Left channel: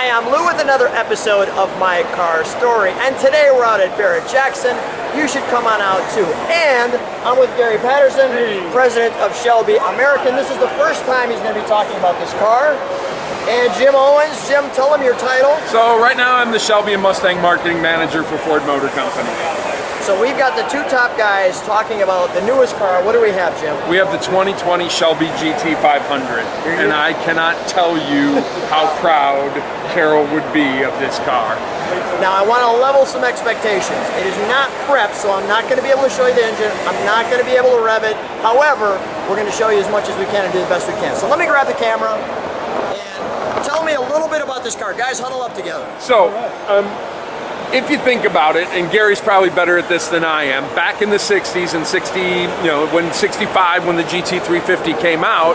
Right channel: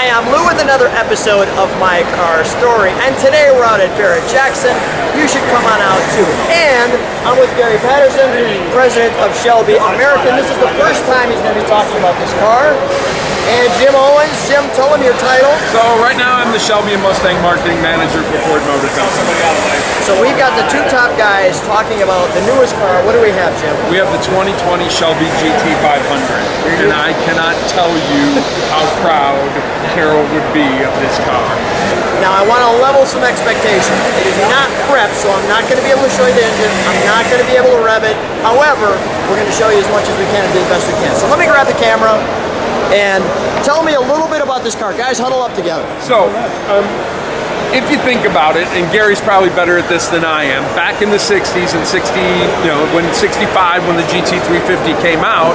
Hi, I'm Lou with another episode of My Car Story, and today we're out at Barrett Jackson. You should come on out too. And I'm with Gary Patterson, President of Shelby American. This is the first time he's going to be talking about this car. And Jim Owens. Jim, tell him your title. So right now I'm the Shelby and Mustang Marketing Manager for Ford Motor Company. So we've got the two top guys talking about the newest car. What do we have, Jim? We have the 2020 Shelby GT500. And I cannot tell you how proud Carol would be of this car. Now I want to level some expectations. It is not prepped, so I'm not going to be able to show you the engine. I'm not going to be able to rev it. However, we're going to show you as much as we can and do the best we can. So let me grab the camera and tell me a little bit about this car. Guys, huddle up together. So, if you think about it, and Gary's probably better at this than I am, back in the 60s and 65 when the GT350 came out,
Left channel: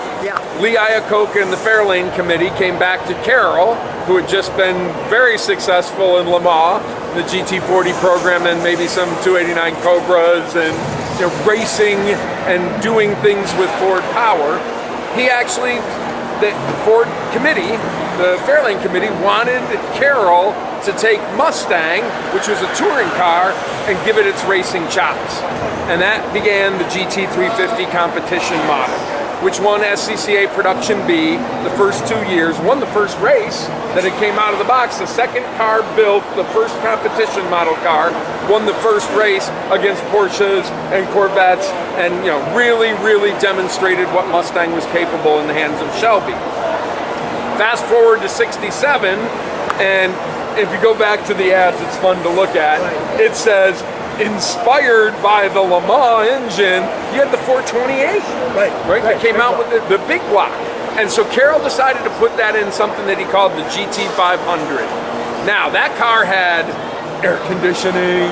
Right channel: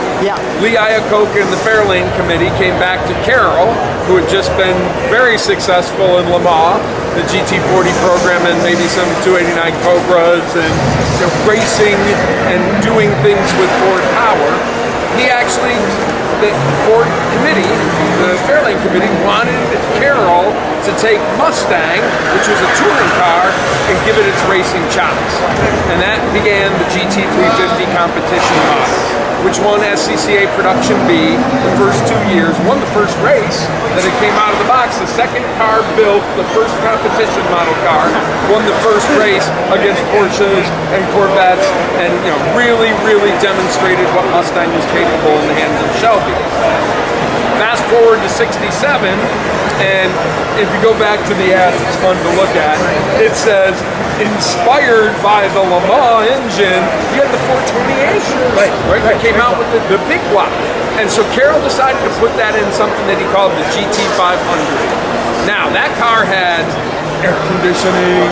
Lee Iacocca and the Fairlane Committee came back to Carol, who had just been very successful in Le Mans, the GT40 program, and maybe some 289 Cobras, and racing and doing things with Ford Power. He actually, the Ford committee, the Fairlane Committee, wanted Carol to take Mustang, which was a touring car, and give it its racing chops. And that began the GT350 competition model, which won SCCA Production B the first 2 years, won the first race that it came out of the box. The second car built, the first competition model car, won the first race against Porsches and Corvettes, and really demonstrated what Mustang was capable in the hands of Shelby. Fast forward to 67, and if you go back to the ads, it's fun to look at. It says, inspired by the Le Mans engine, you had the 428, right? That came out with the big block. And so Carol decided to put that in something that he called the GT500. Now, that car had air conditioning,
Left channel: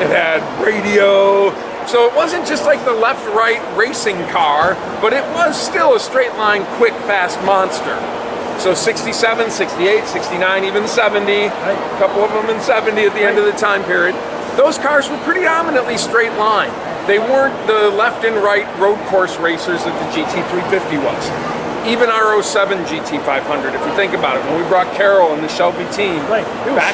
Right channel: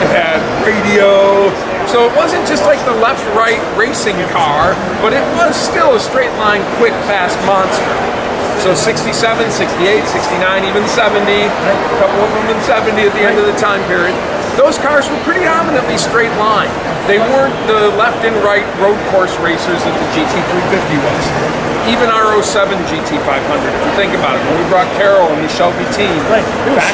it had radio, so it wasn't just like the left-right racing car, but it was still a straight-line, quick, fast monster. So 67, 68, 69, even 70, a couple of them in 70 at the end of the time period. Those cars were predominantly straight line. They weren't the left and right road course racers that the GT350 was. Even our 07 GT500, if you think about it, when we brought Carol and the Shelby team back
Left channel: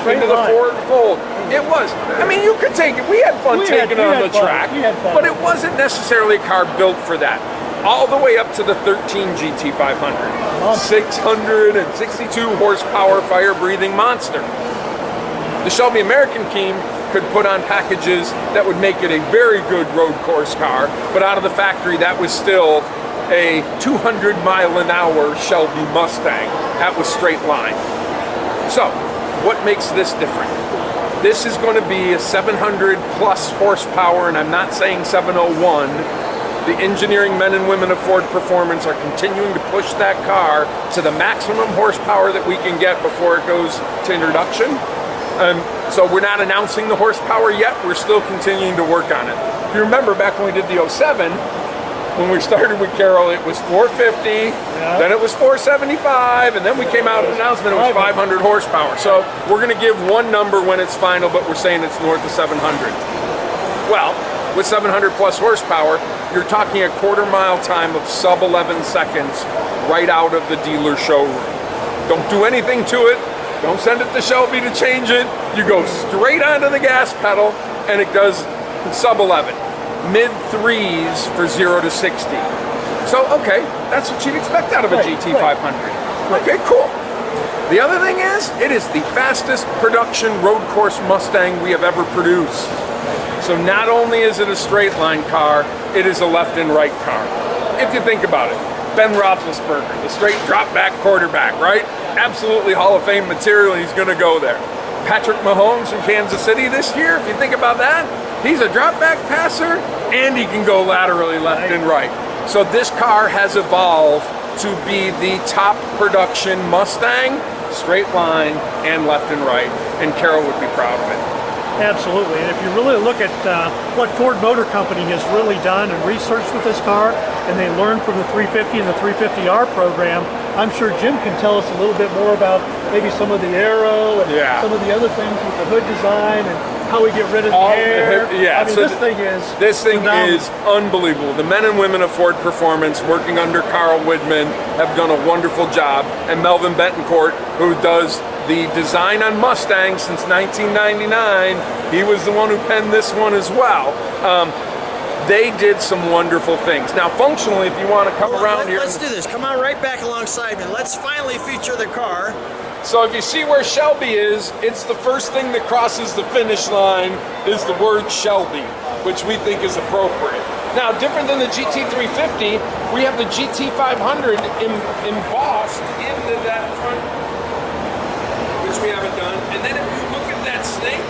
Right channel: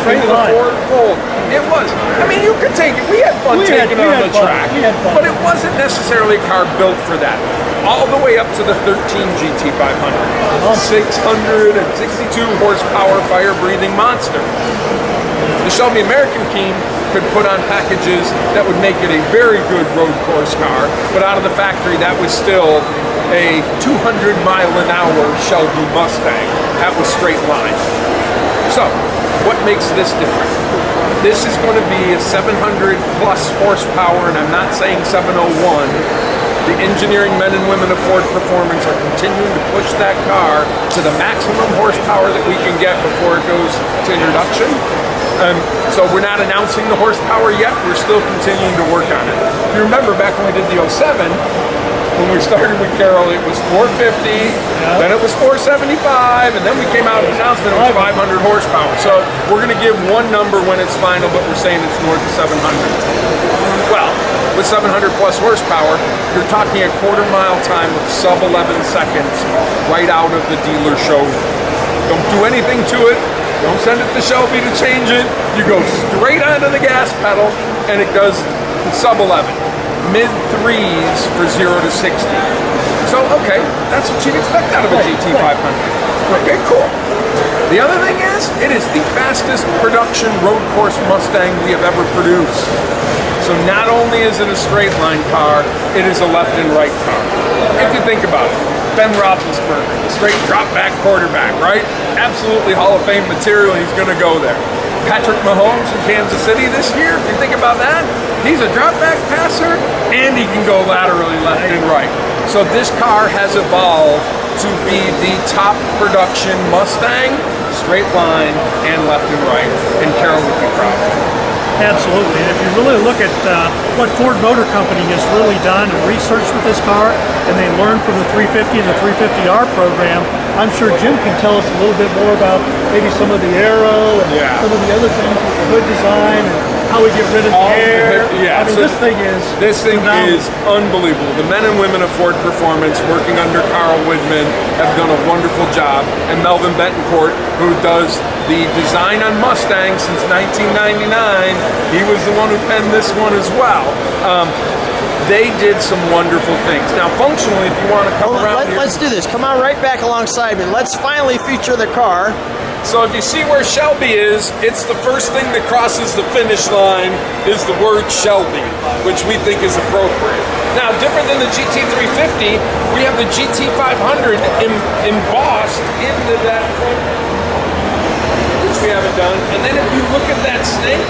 into the Ford fold, it was. I mean, you could take it. We had fun taking it on the track, but it wasn't necessarily a car built for that. All the way up to the 13 GT500, 662 horsepower fire-breathing monster. The Shelby American team could put on packages that would make it a very good road course car, but out of the factory, that was still a 200-mile-an-hour Shelby Mustang. That was straight line. So, what makes this different? This is going to be a 700-plus horsepower, and I'm not saying 701. The engineering men and women of Ford Performance are continuing to push that car to the maximum horsepower that we can get before it goes to introduction. So we're not announcing the horsepower yet. We're still continuing to work on it. If you remember back when we did the 07, when we started with Carol, it was 450, then it was 475, and then we came out with an announcement it was 500 horsepower. So we're going to give one number when it's final, but we're saying it's north of 700. Well, with 700 plus horsepower, you're talking a quarter-mile time of sub 11 seconds right out of the dealer showroom. Don't do anything to it. Don't send it to Shelby to change it. You go straight onto the gas pedal, and it does sub 11. Mid-3s for 0 to 60. So, okay, that's what you'd expect out of a GT500. Okay, cool. The other thing is, it is the fastest production road course Mustang we have ever produced. So not only is it a straight line car, it is a left and right car. If you think about it, Ben Roethlisberger, the straight drop back quarterback, right? Absolutely Hall of Fame material, he's gonna go there. Patrick Mahomes from Kansas City this year, if you think about that, he's a drop back passer and he can go laterally left and right. So this car has evolved to be the top production Mustang, straight line and left and right, and Carol would be proud of it. Absolutely, and if you really look at what Ford Motor Company has really done and researched with this car, and they learned from the 350 and the 350R program, I'm sure Jim can tell us a little bit more about maybe some of the aero and some of the other things with the hood design and how we get rid of the air. Yeah, I mean, so this thing is unbelievable. The men and women of Ford Performance, working under Carl Widman, have done a wonderful job. And Melvin Betancourt, who does the design on Mustangs since 1999, he was the one who penned this one as well. They did some wonderful things. Now, functionally, if you want to come around here, let's do this. Come on right back alongside me. Let's finally feature the car. so if you see where Shelby is, it's the first thing that crosses the finish line is the word Shelby, which we think is appropriate. Now, different than the GT350, we have the GT500 embossed into that front, which we haven't done. And then if you look at that snake,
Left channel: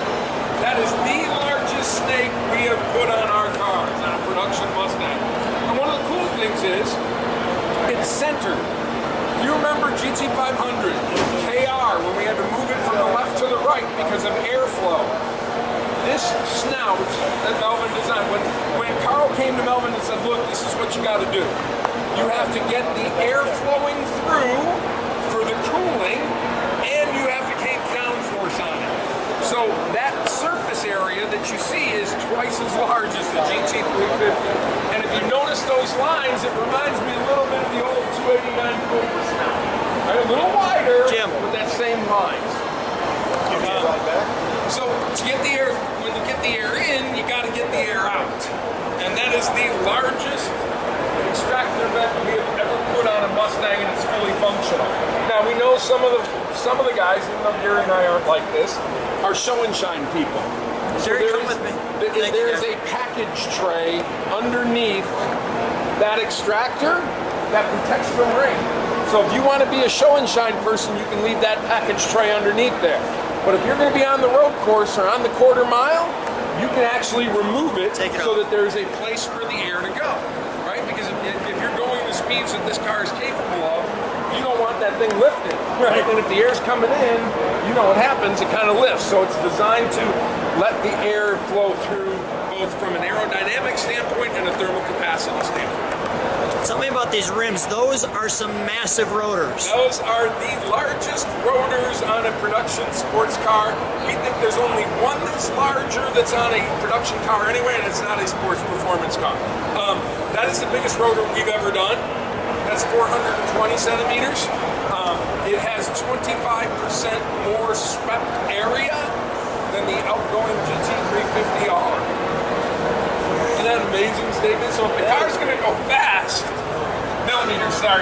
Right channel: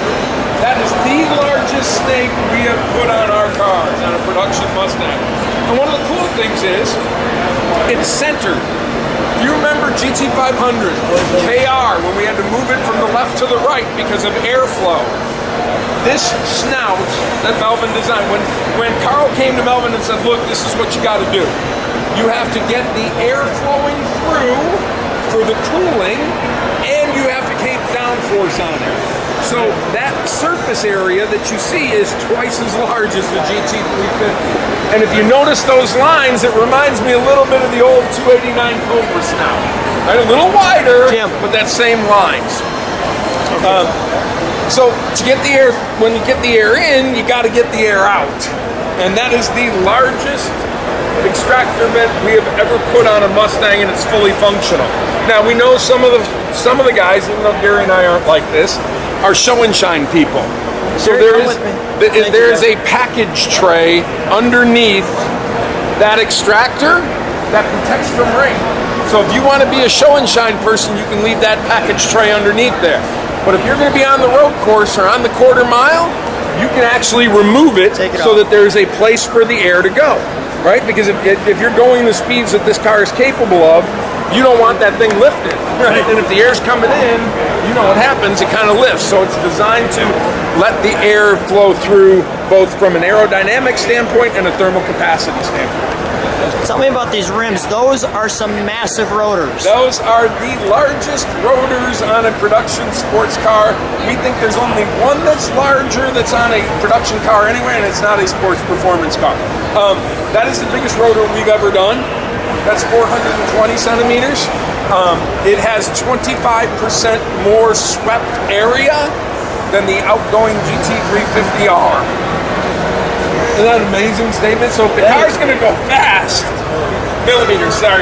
that is the largest snake we have put on our cars, on a production Mustang. And one of the cool things is, it's centered. Do you remember GT500, KR, when we had to move it from the left to the right because of airflow? This snout that Melvin designed, when Carl came to Melvin and said, look, this is what you got to do. You have to get the air flowing through for the cooling, and you have to keep downforce on it. So that surface area that you see is twice as large as the GT350. And if you notice those lines, it reminds me a little bit of the old 289 Cobra snout. Right? A little wider, but that same lines. So to get the air, when you get the air in, you got to get the air out. And that is the largest extractor vent we have ever put on a Mustang, and it's fully functional. Now we know some of the guys, even though Gary and I aren't like this, are show and shine people. So there is a package tray underneath that extractor that protects from rain. So if you want to be a show and shine person, you can leave that package tray underneath there. But if you're going to be on the road course or on the quarter mile, you can actually remove it so that there's a place for the air to go, right? Because if you're going the speeds that this car is capable of, you don't want that thing lifted, right? And if the air's coming in, you know what happens, it kind of lifts. So it's designed to let the air flow through both from an aerodynamic standpoint and a thermal capacity standpoint. Tell me about these rims. Those are some massive rotors. Those are the largest rotors on a production sports car. We think there's only one that's larger that's on a production car anyway, and it's not a sports performance car. That is the biggest rotor we've ever done. That's 420 centimeters. It has 25% more swept area than the outgoing GT350R. Isn't that an amazing statement? So if the car's going to go fast, millimeters. I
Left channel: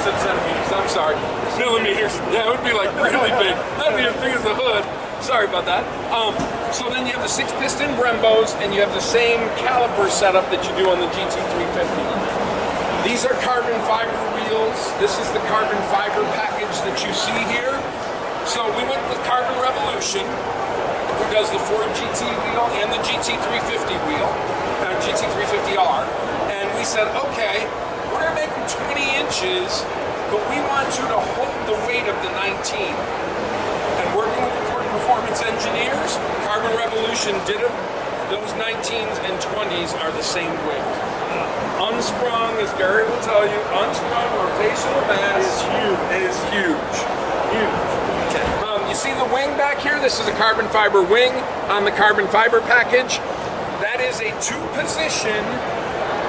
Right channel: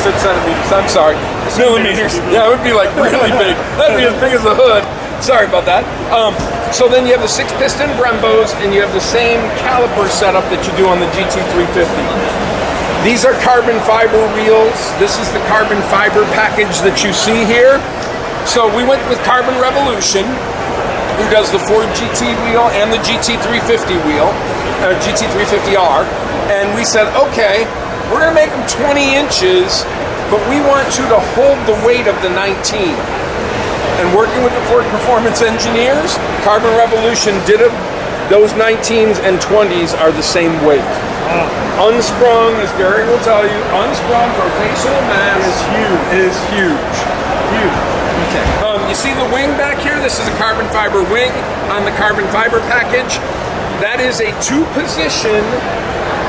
said centimeters, I'm sorry. Millimeters. Yeah, it would be like really big. That'd be as big as the hood. Sorry about that. So then you have the 6-piston Brembos, and you have the same caliper setup that you do on the GT350. These are carbon fiber wheels. This is the carbon fiber package that you see here. So we went with Carbon Revolution, who does the Ford GT wheel and the GT350 wheel, GT350R. And we said, okay, we're gonna make them 20 inches, but we want you to hold the weight of the 19. And working with the Ford Performance engineers, Carbon Revolution did it. Those 19s and 20s are the same weight. Unsprung, as Barrett will tell you, unsprung rotational mass is huge. You see the wing back here? This is a carbon fiber wing on the carbon fiber package. That is a 2-position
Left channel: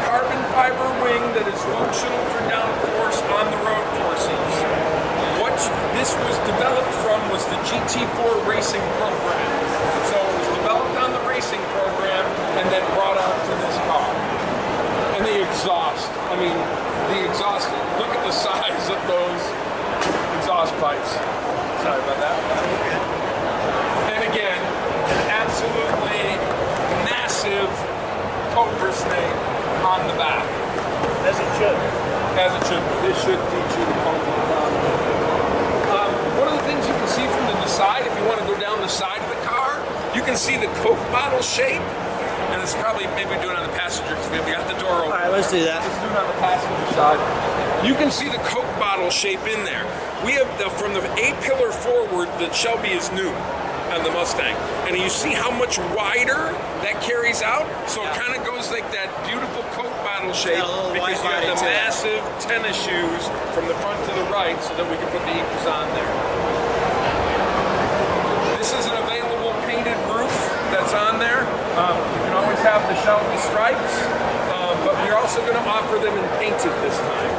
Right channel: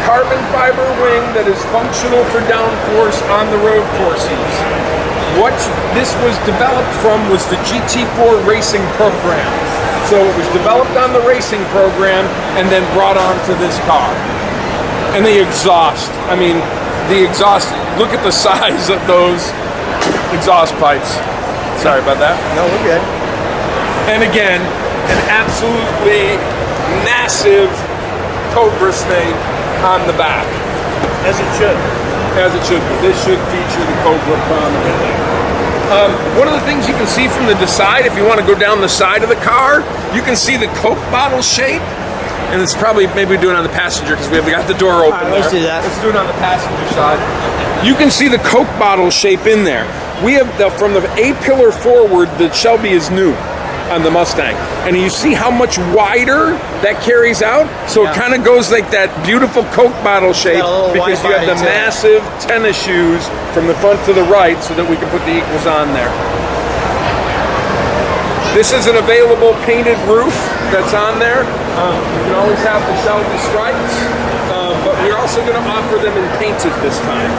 carbon fiber wing that is functional for downforce on the road courses. What this was developed from was the GT4 racing program. So it was developed on the racing program and then brought onto this car. And the exhaust, I mean, the exhaust, look at the size of those exhaust pipes. Sorry about that. No, we're good. And again, an absolutely massive Cobra snake on the back. As it should. As it should be. This should feature the Cobra prominently. One of the things you can see from the side, if you want to go down the side of the car, you can see the Coke bottle shape. And it's probably, maybe do it on the passenger because we got the door open there. Let's do that. Let's do it on the passenger side. You can see the Coke bottle shape in there. We have, from the A-pillar forward, the Shelby is new on the Mustang. And you see how much wider that carries out? So it kind of goes like that beautiful Coke bottle shape because you have the massive tennis shoes from the front to the right so that we can put the equals on there. This is an available painted roof that's on there. You can always have the Shelby stripes, but we're also going to offer them in painted this time.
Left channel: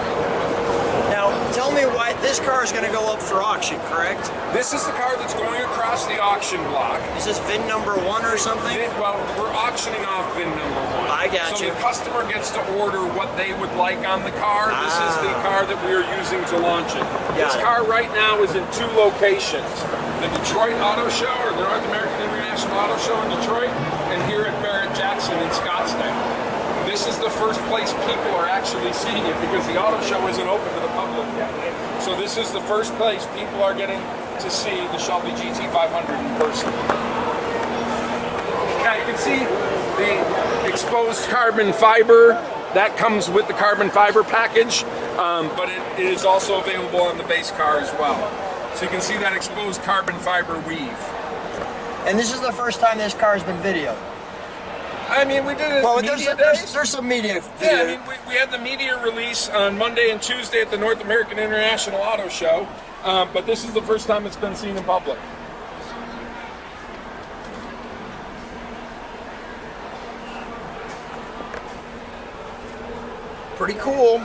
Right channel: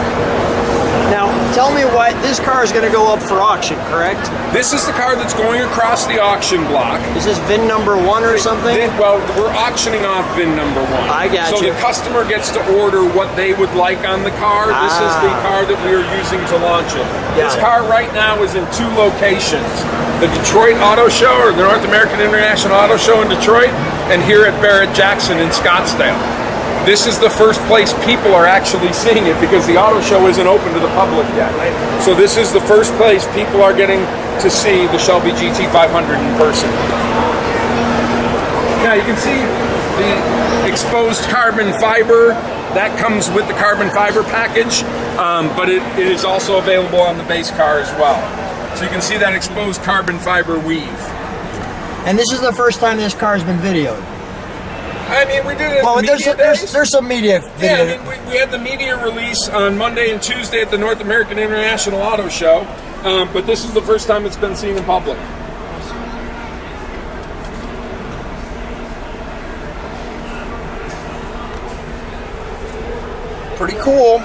Now, tell me what, this car is going to go up for auction, correct? This is the car that's going across the auction block. Is this VIN number 1 or something? Well, we're auctioning off VIN number 1. I got so you. the customer gets to order what they would like on the car. This is the car that we are using to launch it. This car right now is in 2 locations. The Detroit Auto Show, or the North American International Auto Show in Detroit, and here at Barrett Jackson in Scottsdale. This is the first place people are actually seeing it because the auto show isn't open to the public yet. So this is the first place people are getting to see the Shelby GT500 in person. Now you can see the exposed carbon fiber. That comes with the carbon fiber package, but it is also available on the base car as well. So you can see that exposed carbon fiber weave. And this is the first time this car has been videoed. I mean, we did it at media days. There's some media video. Yeah, I mean, we had the media release on Monday and Tuesday at the North American International Auto Show, but this is the first time it's been seen in public. Pretty cool.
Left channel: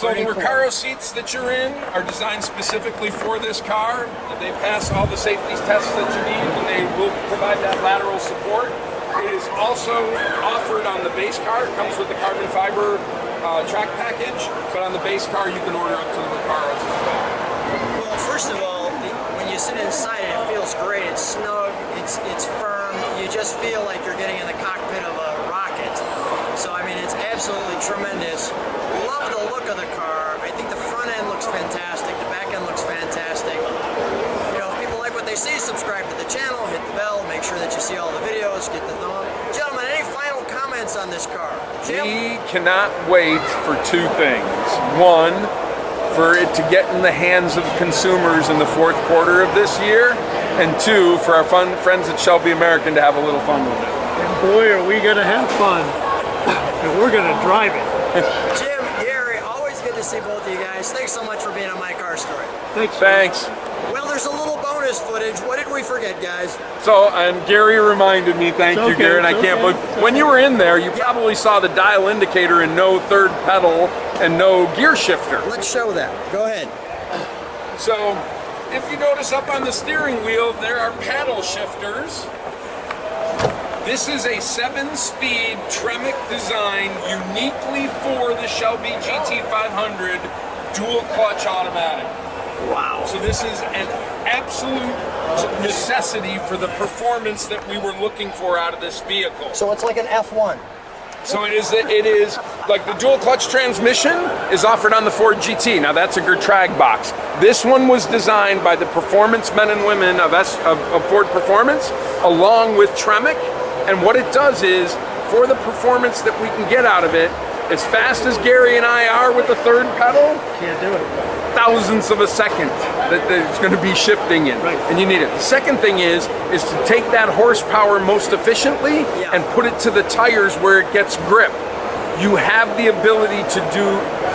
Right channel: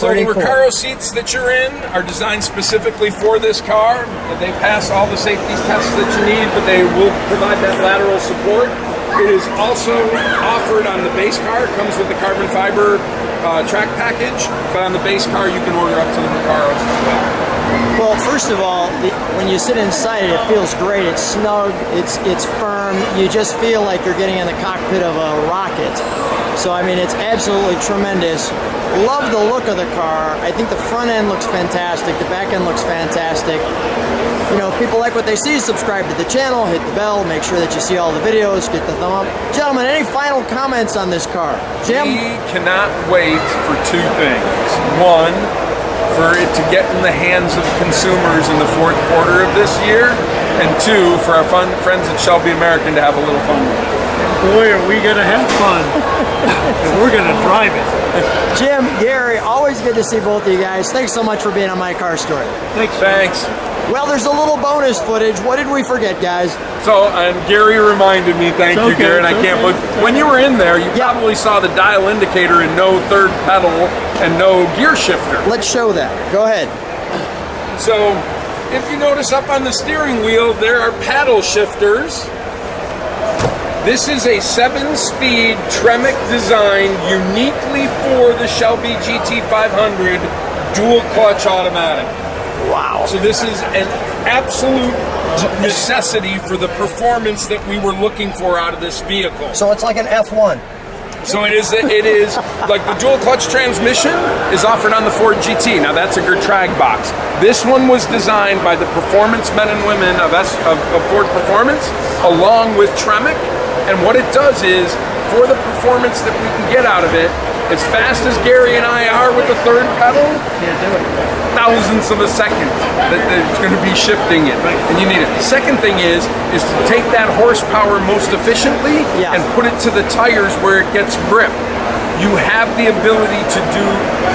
So the Recaro seats that you're in are designed specifically for this car. They pass all the safety tests that you need, but they will provide that lateral support. It is also offered on the base car. It comes with the carbon fiber track package, but on the base car you can order up to the Recaros as well. Well, first of all, when you sit inside it feels great. It's snug, it's firm. You just feel like you're getting in the cockpit of a rocket. So, I mean, it's absolutely tremendous. Love the look of the car. I think the front end looks fantastic. The back end looks fantastic. You know, if people like what they see, subscribe to the channel, hit the bell, make sure that you see all the videos, get the thumb up. Gentlemen, any final comments on this car? Jim? We cannot wait for 2 things. 1, for it to get in the hands of consumers in the 4th quarter of this year, and 2, for our friends at Shelby American to have a little fun with it. And boy, are we going to have fun. And we're going to drive it. Jim, Gary, always good to see both of you guys. Thanks so much for being on My Car Story. Thanks. Well, there's a little bonus footage. What did we forget, guys? So, and Gary reminded me, thank you, Gary, and I can't believe, when you were in there, you probably saw the dial indicator and no third pedal and no gear shifter. Let's show that. Go ahead. So, if you notice up on the steering wheel, there are paddle shifters. This is a 7-speed Tremec design uniquely for the Shelby GT500 dual clutch automatic. Wow. So this is an absolute necessity for the performance that we were looking for out of this vehicle. So it's like an F1. So it is like the dual clutch transmission is offered on the Ford GT. Now that's a Gertrag box. This one was designed by the performance men and women of Ford Performance along with Tremec. And what it does is, for the performance that we can get out of it, as fast as Gary and I are with the third pedal, Can't do it. thousandths of a second that it's going to be shifting it, and you need it. The second thing is to take that horsepower most efficiently and put it to the tires where it gets grip. You have the ability to do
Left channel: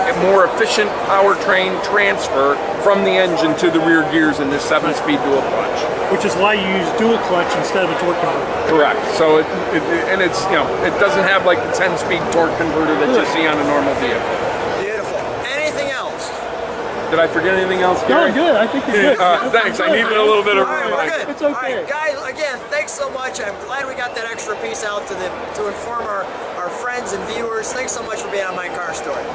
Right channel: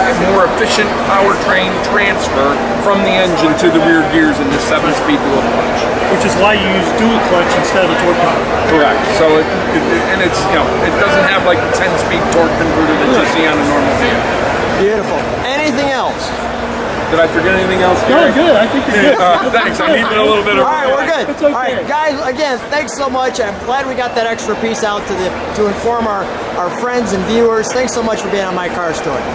a more efficient powertrain transfer from the engine to the rear gears in this 7-speed dual clutch. Which is why you use dual clutch instead of a torque converter. Correct. So it's it doesn't have like the 10-speed torque converter that you see on a normal vehicle. Beautiful. Anything else? Did I forget anything else, No, Gary? good. I think you're good. Thanks. I needed a little bit of All right, we're reminder. good. It's okay. All right, guys, again, thanks so much. I'm glad we got that extra piece out to inform our friends and viewers. Thanks so much for being on My Car Story.